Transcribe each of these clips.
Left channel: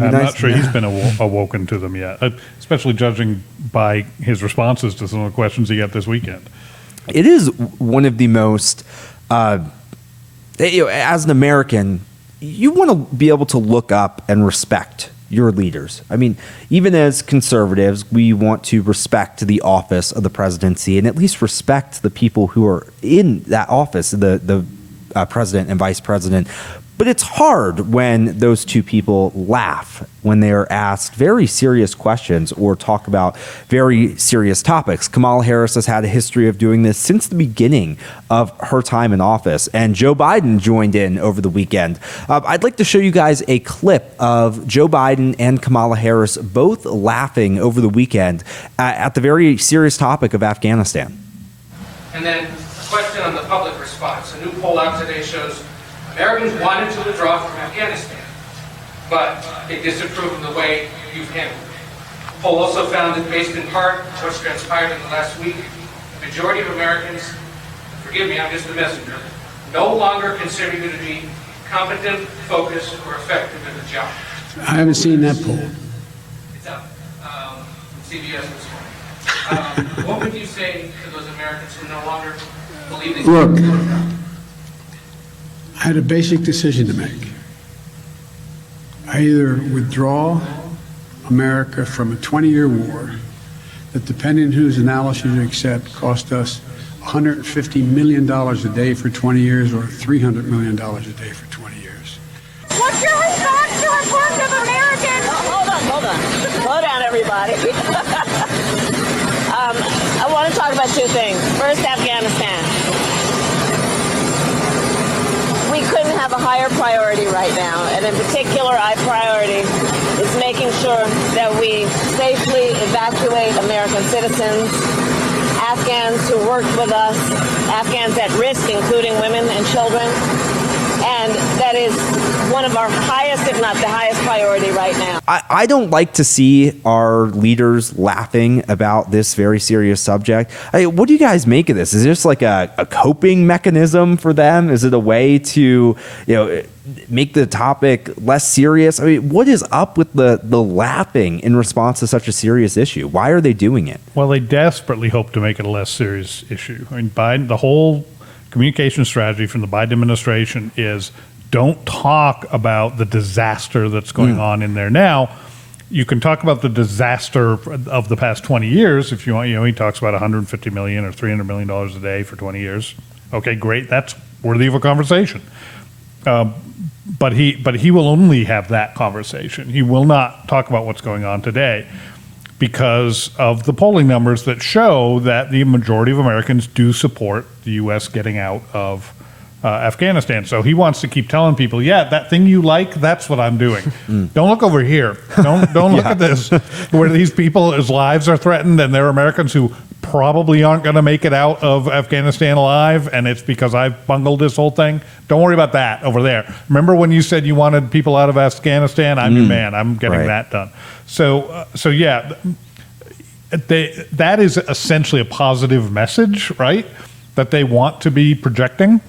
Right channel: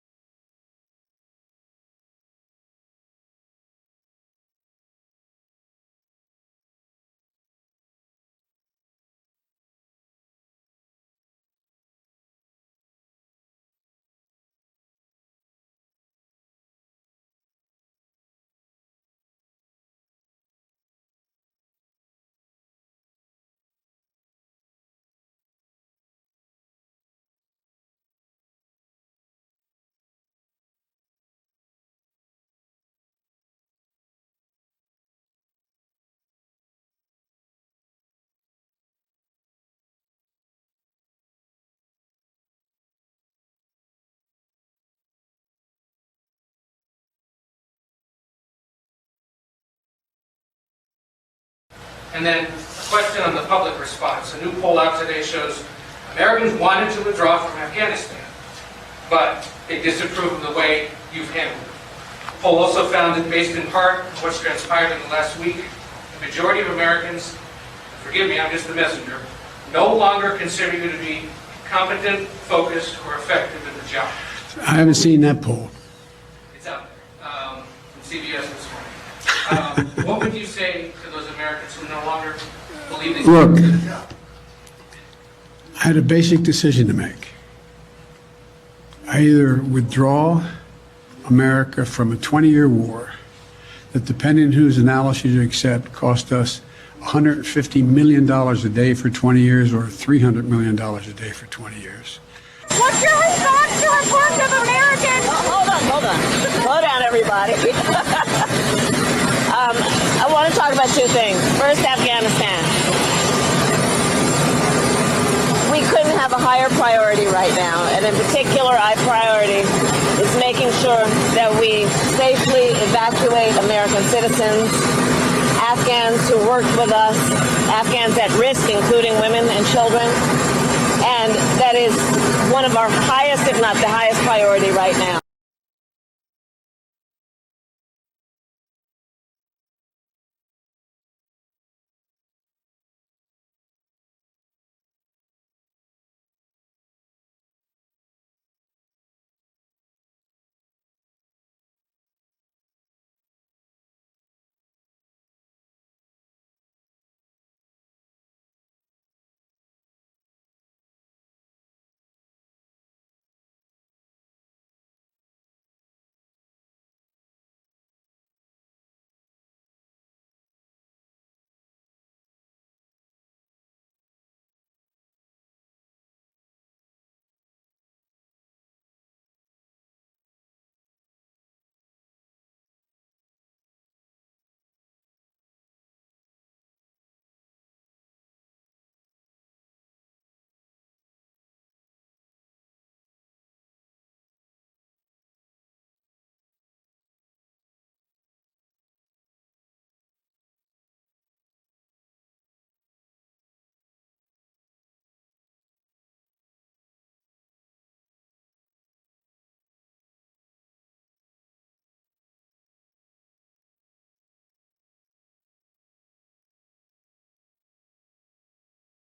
I'm not sure he's been awoken to them yet, especially judging by his responses to some of the questions he got this weekend. It is one of the most, as an American, you want to be able to look up and respect your leaders. I mean, even as conservatives, we want to respect the office of the presidency and at least respect the people who are in that office, the president and vice president. But it's hard when those two people laugh when they are asked very serious questions or talk about very serious topics. Kamala Harris has had a history of doing this since the beginning of her time in office, and Joe Biden joined in over the weekend. I'd like to show you guys a clip of Joe Biden and Kamala Harris both laughing over the weekend at the very serious topic of Afghanistan. And then a question on the public response. A new poll out today shows Americans wanted to withdraw from Afghanistan, but they disapprove of the way you've handled it. The poll also found that, based in part on what's transpired in the last week, the majority of Americans, forgive me, I'm just the messenger, no longer consider you to be competent, focused, or effective in the job. I haven't seen that poll. It's up from CBS this morning. What would you say to those Americans who no longer believe that you can do the job? I had a basic decision to make. I either withdraw America from a 20-year war that, depending on whose analysis you accept, cost us $150 million a day for 20 years or $300 million a day for 20 years. What's your response to reports of Americans? Hold on. Slow down, everybody. I want to talk about two things. First, Afghanistan. We couldn't have a higher priority right now, and in particular, our priority is making sure that we safely evacuate American citizens, Afghans who worked with us, Afghans at risk, including women and children, and that is one of our highest, if not the highest priority right now. I don't like to see our leaders laughing about this very serious subject. What do you guys make of this? Is this like a coping mechanism for them? Is it a way to, make the topic less serious? I mean, what is up with the laughing in response to such a serious issue? Why are they doing it? Well, they desperately hope to make it a less serious issue. I mean, Biden, the whole communication strategy from the Biden administration is don't talk about the disaster that's going on in there now. You can talk about the disaster of the past 20 years if you want. He talks about $150 million or $300 million a day for 20 years. Okay, great. That's worthy of a conversation. But he will only have that conversation. He will not talk about what's going on today because of the polling numbers that show that the majority of Americans do support the U.S. getting out of Afghanistan. So he wants to keep telling people, yeah, that thing you like, that's what I'm doing. Don't look over here. Don't look at this, where these people's lives are threatened, and they're Americans who probably aren't going to make it out of Afghanistan alive, and it's because I've bungled this whole thing. Don't worry about that over there. Remember when you said you wanted people out of Afghanistan? I'm your man. I'm getting that done. So yeah, that is essentially a positive message, right? That they want to be projecting.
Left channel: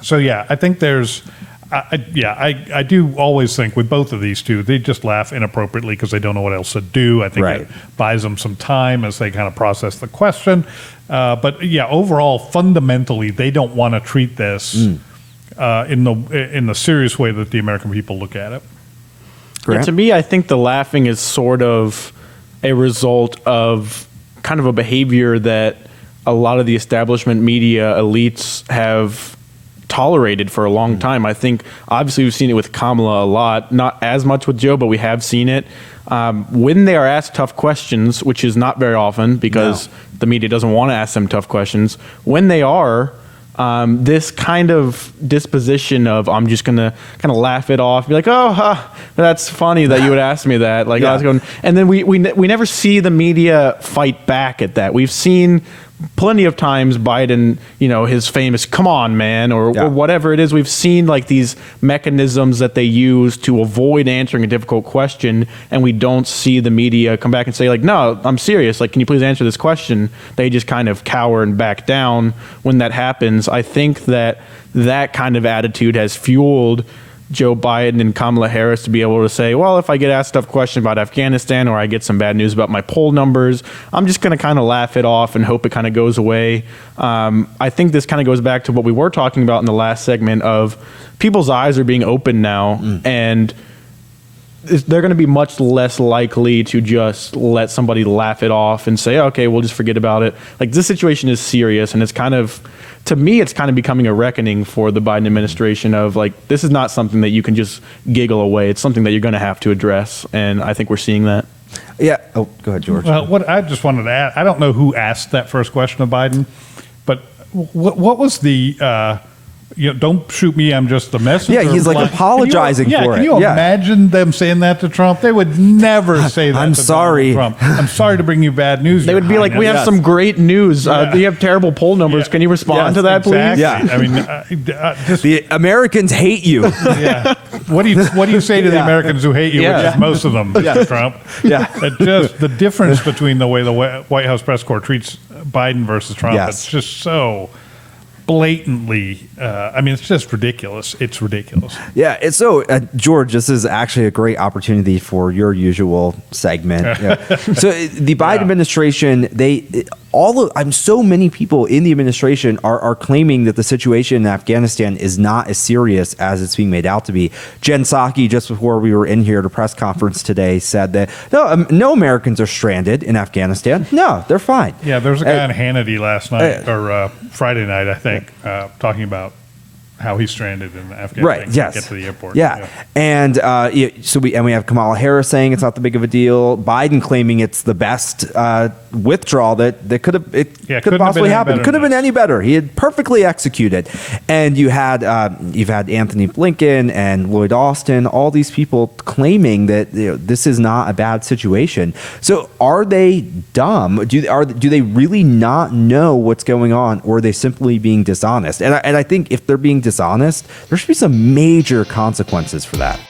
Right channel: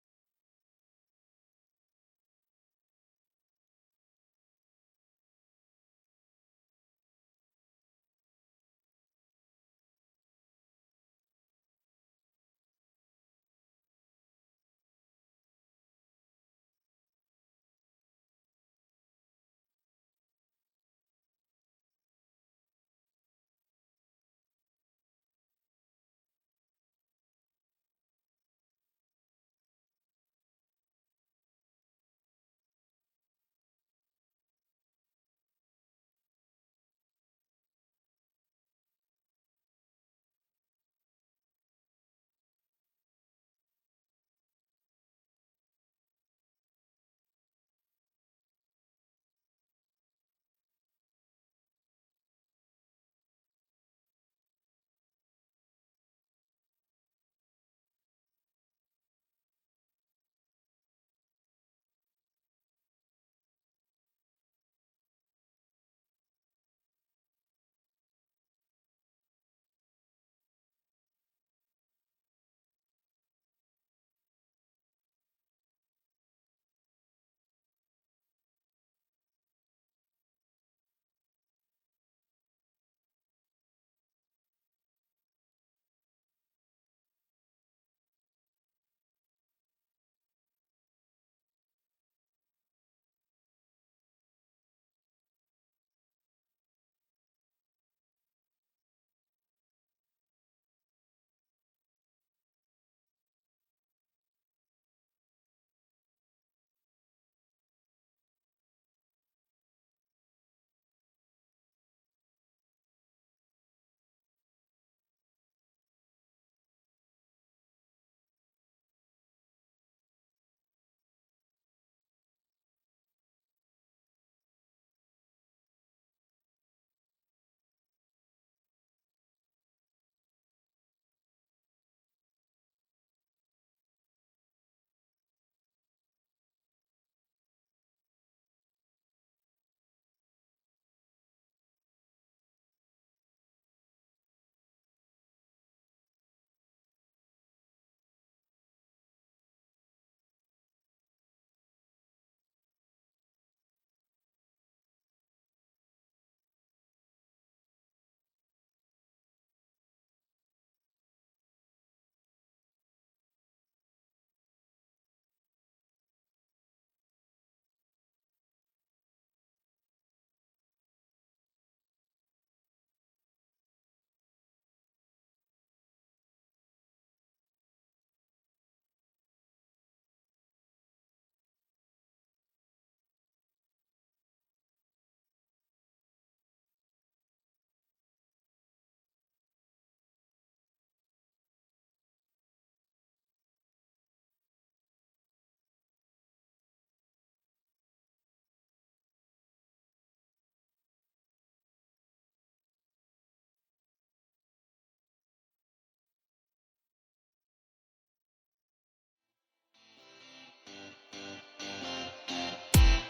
So yeah, I think there's, I do always think with both of these two, they just laugh inappropriately because they don't know what else to do. I think it buys them some time as they kind of process the question. But yeah, overall, fundamentally, they don't want to treat this in the serious way that the American people look at it. Yeah, to me, I think the laughing is sort of a result of kind of a behavior that a lot of the establishment media elites have tolerated for a long time. I think obviously we've seen it with Kamala a lot, not as much with Joe, but we have seen it. When they are asked tough questions, which is not very often because the media doesn't want to ask them tough questions, when they are, this kind of disposition of I'm just going to kind of laugh it off, be like, oh, that's funny that you would ask me that. Like, I was going, and then we never see the media fight back at that. We've seen plenty of times Biden, his famous "come on, man," or whatever it is. We've seen like these mechanisms that they use to avoid answering a difficult question, and we don't see the media come back and say like, "No, I'm serious. Like, can you please answer this question?" They just kind of cower and back down when that happens. I think that kind of attitude has fueled Joe Biden and Kamala Harris to be able to say, well, if I get asked a tough question about Afghanistan or I get some bad news about my poll numbers, I'm just going to kind of laugh it off and hope it kind of goes away. I think this kind of goes back to what we were talking about in the last segment of people's eyes are being opened now, and they're going to be much less likely to just let somebody laugh it off and say, okay, we'll just forget about it. Like, this situation is serious, and it's kind of, to me, it's kind of becoming a reckoning for the Biden administration of, like, this is not something that you can just giggle away. It's something that you're going to have to address, and I think we're seeing that. Yeah. Oh, go ahead, George. Well, what I just wanted to add, I don't know who asked that first question of Biden, but what was the don't shoot me, I'm just the messenger. Yeah, he's like apologizing for it. Can you imagine them saying that to Trump? They would never say that I'm to sorry. Donald Trump. I'm sorry to bring you bad news. They would be like, we have some great news. We have terrible poll numbers. Can you respond to that, exactly. please? Yeah. I mean, just, The Americans hate you. yeah. What do you say to the Americans who hate you, which is most of them, Mr. Trump? Yeah. Just the difference between the way the White House press corps treats Biden versus Trump, Yes. it's just so blatantly, it's just ridiculous. It's ridiculous. Yeah. And so, George, this is actually a great opportunity for your usual segment. Yeah. So, the Biden administration, so many people in the administration are claiming that the situation in Afghanistan is not as serious as it's being made out to be. Jen Psaki, just before we were in here at a press conference today, said that no Americans are stranded in Afghanistan. No, they're fine. Yeah, there was a guy on Hannity last night or Friday night, I think, talking about how he's stranded in Afghanistan. Right. Yes. To get to the airport. Yeah. And we have Kamala Harris saying it's not that big of a deal. Biden claiming it's the best withdrawal that could have possibly happened. Could have been any better. He had perfectly executed. And you've had Anthony Blinken and Lloyd Austin, all these people claiming that this is not a bad situation. So are they dumb? Do they really not know what's going on, or are they simply being dishonest? And I think if they're being dishonest, there should be some major consequences for that.